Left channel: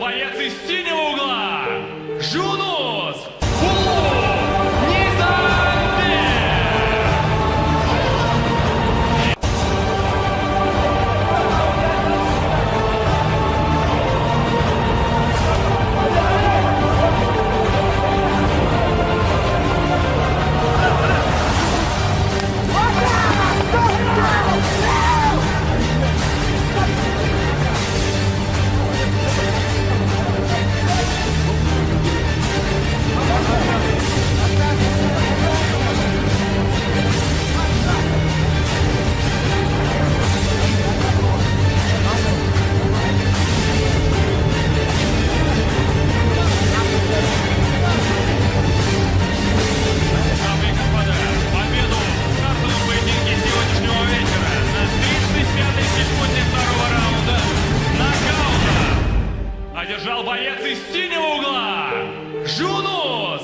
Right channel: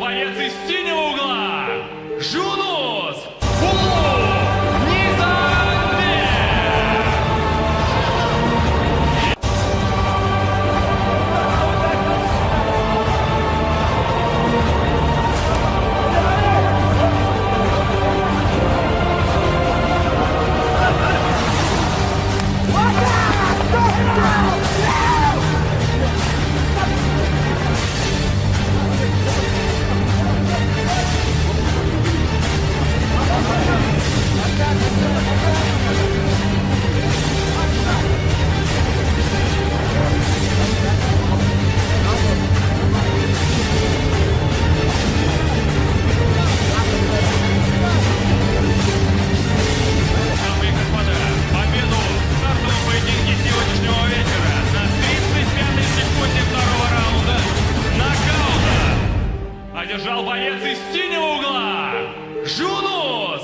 боец из синего угла Жунус Низамбек. Дамы и господа, победу в стартовом поединке сегодняшнего вечера на 35-й секунде второго раунда нокаутом одержал боец из синего угла Жунус